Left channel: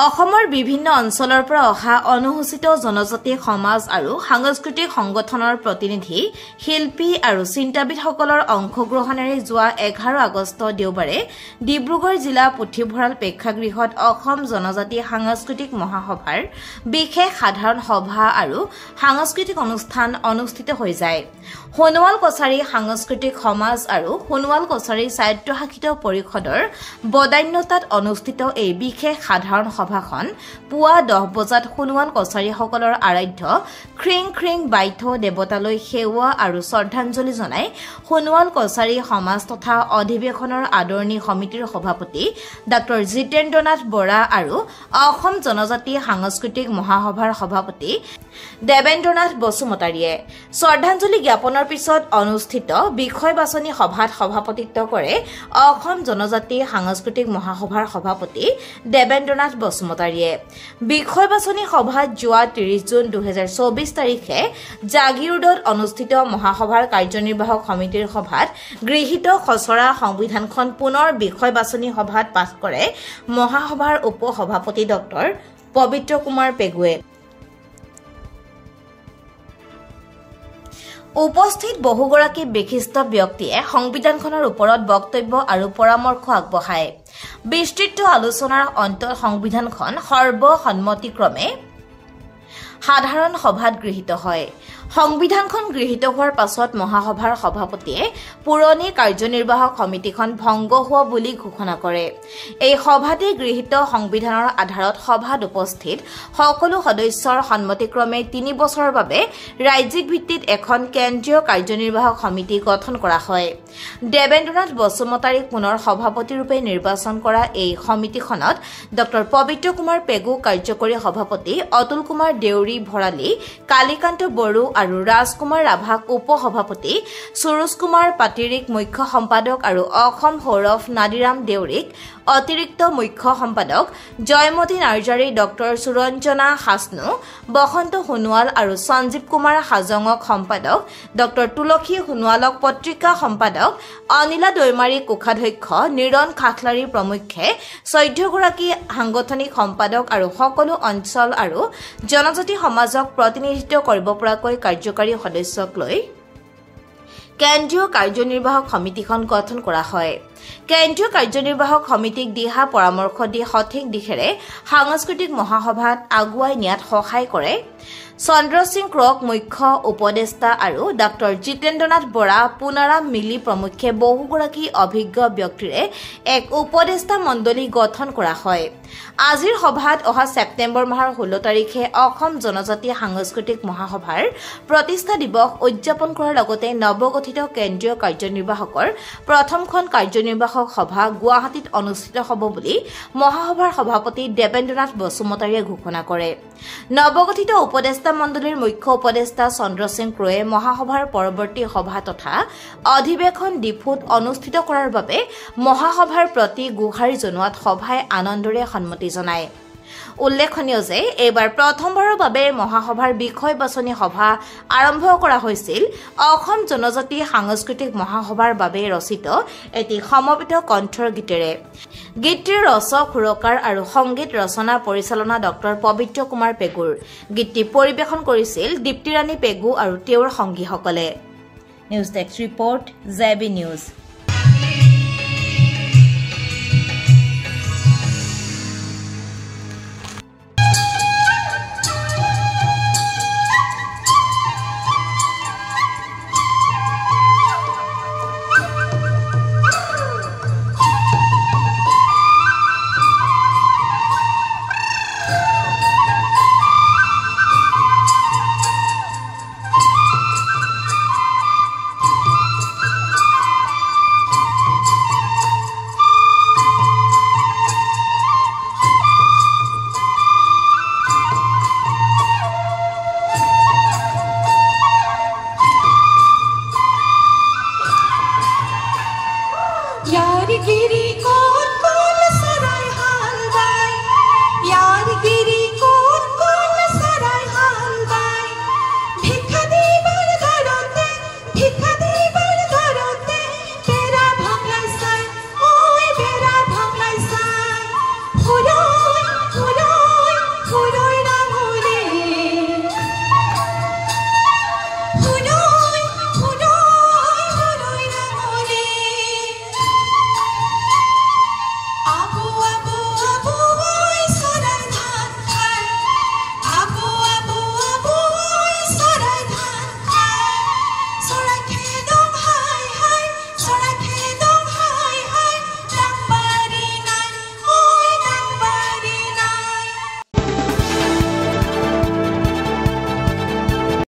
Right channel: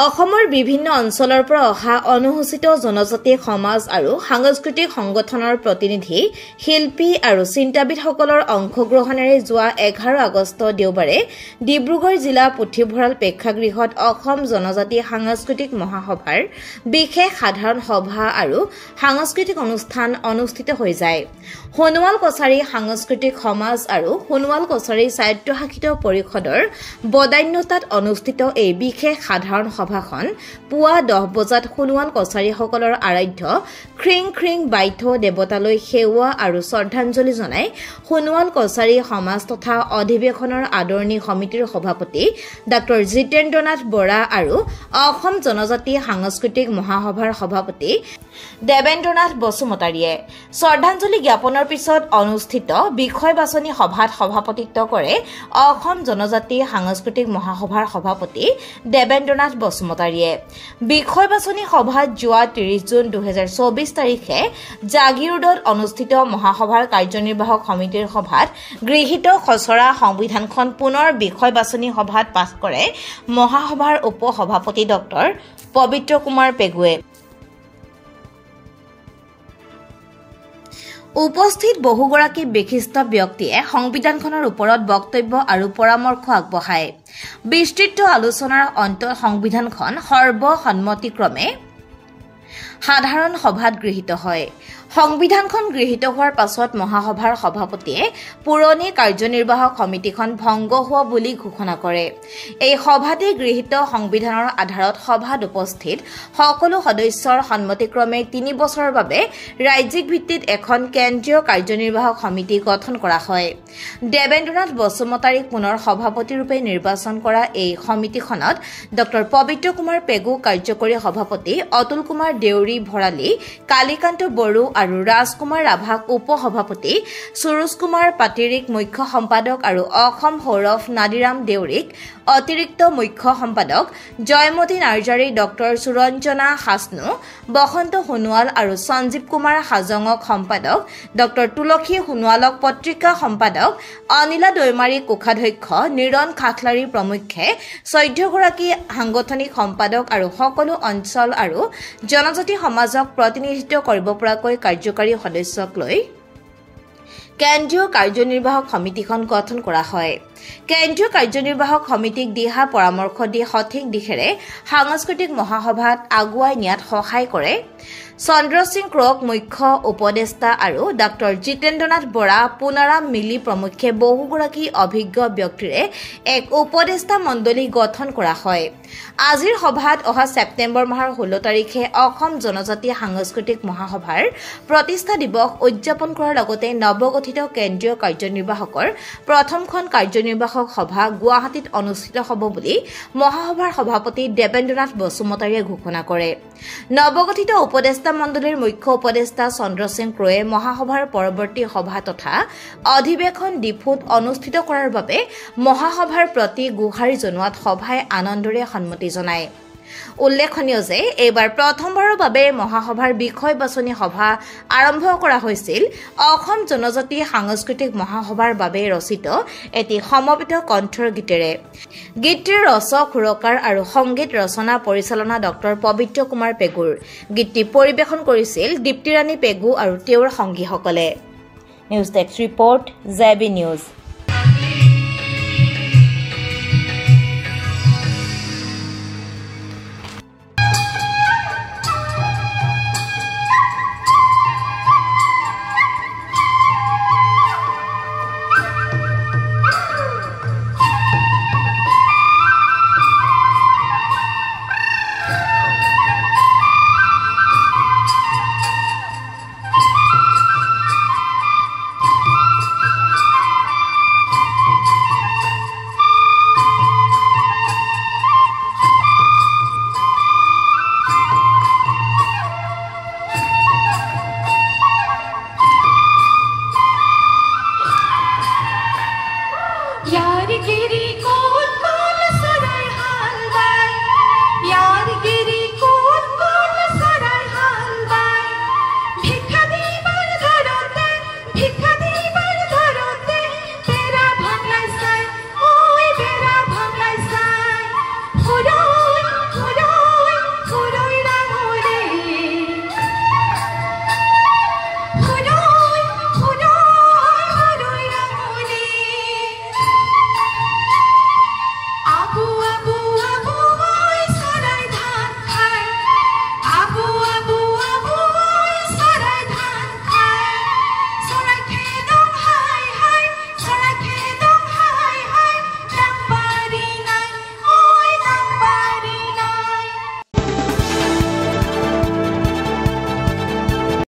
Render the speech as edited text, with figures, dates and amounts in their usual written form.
অসমৰ বিভিন্ন অঞ্চলৰ পৰা অহা অনুসূচিত জনজাতি সমাজ আৰু সাংস্কৃতিক সংগঠনৰ প্ৰতিনিধি শিল্পী আৰু চিন্তাবিদসকলৰ অংশগ্ৰহণেৰে যোৱা 11 আগষ্ট দেওবাৰে ডিব্ৰুগড় জিলা পুথিভঁৰাল প্ৰেক্ষাগৃহত অসম জনজাতি সাংস্কৃতিক মহাসভাৰ বিশেষ সাধাৰণ সভা আৰু সাংস্কৃতিক অনুষ্ঠান অনুষ্ঠিত হৈ যায়। সোণোৱাল কছাৰী সাংস্কৃতিক সমাজ আৰু সোণোৱাল কছাৰী স্বায়ত্তশাসিত পৰিষদৰ বদান্যতাত অনুষ্ঠিত এই বিশেষ সাধাৰণ সভাখন পুৱা 10 বজাত সোণোৱাল কছাৰীসকলৰ আৰাধ্য খ্ৰিং খ্ৰিং বাইথ দেৱতালৈ সেৱা আৰু শ্ৰদ্ধাঞ্জলি জনাই সোণোৱাল কছাৰী সমাজ তথা অধিৱেশনৰ আদৰণি সমিতিৰ সভাপতি ডক্টৰ জিতেন্দ্ৰনাথ বৰা আৰু অসম জনজাতি সাংস্কৃতিক মহাসভাৰ সভাপতি দেবেন্দ্ৰনাথ বসুমতাৰীয়ে শ্ৰদ্ধাঞ্জলি জ্ঞাপনৰ পিছত অনুষ্ঠিত বিষয় বাছনি সভাত সভাপতিত্ব কৰে অসম জনজাতি সাংস্কৃতিক মহাসভাৰ সভাপতি দেবেন্দ্ৰনাথ বসুমতাৰীয়ে। বিষয় বাছনি সভাত যোৱা 30 জুন 2024 তাৰিখে জাগিৰোডত অনুষ্ঠিত মহাসভাৰ কাৰ্যনিৰ্বাহক সমিতিৰ সভাত গৃহীত খচৰা সংবিধানখন পুনৰ বিষয় বাছনি সভাত পাছ কৰে মহাসভাৰ উপ সভাপতি ডক্টৰ পবিত্ৰ কুমাৰ পেগুৱে। উপস্থিত বহুগৰাকী বিশিষ্ট ব্যক্তিয়ে সংবিধানখনৰ ওপৰত বক্তব্য আৰু পৰামৰ্শ আগবঢ়ায়। বিস্তৃত আলোচনাৰ অন্তত সংবিধানখন সৰ্বসন্মতিক্ৰমে সাধাৰণ সভাত গৃহীত হয়। সংবিধানখন গৃহীত হোৱাৰ পাছত মহাসভাৰ সভাপতিয়ে পুৰণি কাৰ্যনিৰ্বাহক সমিতিখন ভংগ হোৱা বুলি ঘোষণা কৰে। এই সভাতে গৃহীত সংবিধানৰ আধাৰত সভাত উপস্থিত সকলো সদস্যৰ সন্মতিক্ৰমে 3 বছৰৰ বাবে ৰাজ্যিক ভিত্তিত এখন কেন্দ্ৰীয় কাৰ্যনিৰ্বাহক সমিতি গঠন কৰা হয়। দেবেন্দ্ৰনাথ বসুমতাৰীক পুনৰ সভাপতিৰূপে নিৰ্বাচন কৰা এই সমিতিখনত ডক্টৰ পবিত্ৰ কুমাৰ পেগু কাৰ্যকৰী সভাপতি, অতুল কুমাৰ দেউৰী ভৰালী, কালীকান্ত বড়ো আৰু ৰাজকুমাৰ ৰাভাক উপ সভাপতি, সুৰুজ কুমাৰ পাটিৰিক মুখ্য সম্পাদক আৰু অসম সৌৰভ নাদিৰাম দেউৰীক অতিৰিক্ত মুখ্য সম্পাদক, জয়মতী নাৰ্জাৰী, ডক্টৰ সুৰঞ্জনা হাছনু, বসন্ত সোণোৱাল আৰু সঞ্জীৱ কুমাৰ হাজঙক সম্পাদক, ডক্টৰ তুলসী সোণোৱালক পত্ৰিকা সম্পাদক, অনিলা দৈমাৰী কোষাধ্যক্ষ, নিৰণ খাখলাৰী প্ৰমুখ্যে 14 গৰাকী সাংগঠনিক সম্পাদক আৰু সকলো অঞ্চল আৰু জনজাতি সমাজক প্ৰতিনিধিত্ব কৰিব পৰাকৈ কাৰ্যকাৰী সদস্যক লৈ কেন্দ্ৰীয় কাৰ্যনিৰ্বাহক সমিতিখন গঠন কৰা হয়। কেন্দ্ৰীয় কাৰ্যনিৰ্বাহক সমিতিক দিহা পৰামৰ্শ দি সঠিক দিশেৰে সাংস্কৃতিক মহাসভাত আগুৱাই নিয়াত সহায় কৰে চন্দ্ৰ সিং ক্ৰক মুখ্য উপদেষ্টা আৰু ডক্টৰ জিতেন্দ্ৰনাথ বৰা, পুনাৰাম মিলি প্ৰমুখ্যে বহুগৰাকী অভিজ্ঞ ব্যক্তিৰে এক উপদেষ্টা মণ্ডলী গঠন কৰা হয়। আজিৰ সভাত অহা ছেপ্টেম্বৰ মাহৰ 16 তাৰিখে অসম জনজাতি সাংস্কৃতিক মহাসভাৰ প্ৰতিষ্ঠা দিৱস উদযাপন কৰাৰ লগতে নৱগঠিত কেন্দ্ৰীয় কাৰ্যনিৰ্বাহকৰ প্ৰথমখন কাৰ্যনিৰ্বাহক সভা গুৱাহাটীত অনুষ্ঠিত হ'ব বুলি মহাসভাৰ সভাপতি দেবেন্দ্ৰনাথ বসুমতাৰীয়ে ঘোষণা কৰে। নৱগঠিত উপদেষ্টা মণ্ডলীৰ মুখ্য উপদেষ্টা চন্দ্ৰ সিং ক্ৰয়ে মহাসভাৰ পৰৱৰ্তী সভা তথা অধিৱেশন ডিফুত অনুষ্ঠিত কৰাৰ বাবে মহাসভাৰ প্ৰতি গুহাৰি জনোৱাত সভাই আনন্দৰে সন্মতি জনায়। উল্লেখনীয় যে এইবাৰ প্ৰথমবাৰৰ বাবে মহাসভাৰ বিষয় বাছনি সভা আৰম্ভ কৰা হৈছিল অসম জনজাতি সাংস্কৃতিক মহাসভাৰ বাবে ৰচিত এটি সমবেত কণ্ঠৰ গীতেৰে। গীতটিৰ ৰচক, সুৰকাৰ আৰু সংগীত ৰচনা পৰিচালনা ডক্টৰ পবিত্ৰ কুমাৰ পেগুৰ। গীতটি পৰিৱেশন কৰিছিল দীপ্তিৰাণী পেগু আৰু তেওঁৰ সংগীসকলে। News desk report, JB news.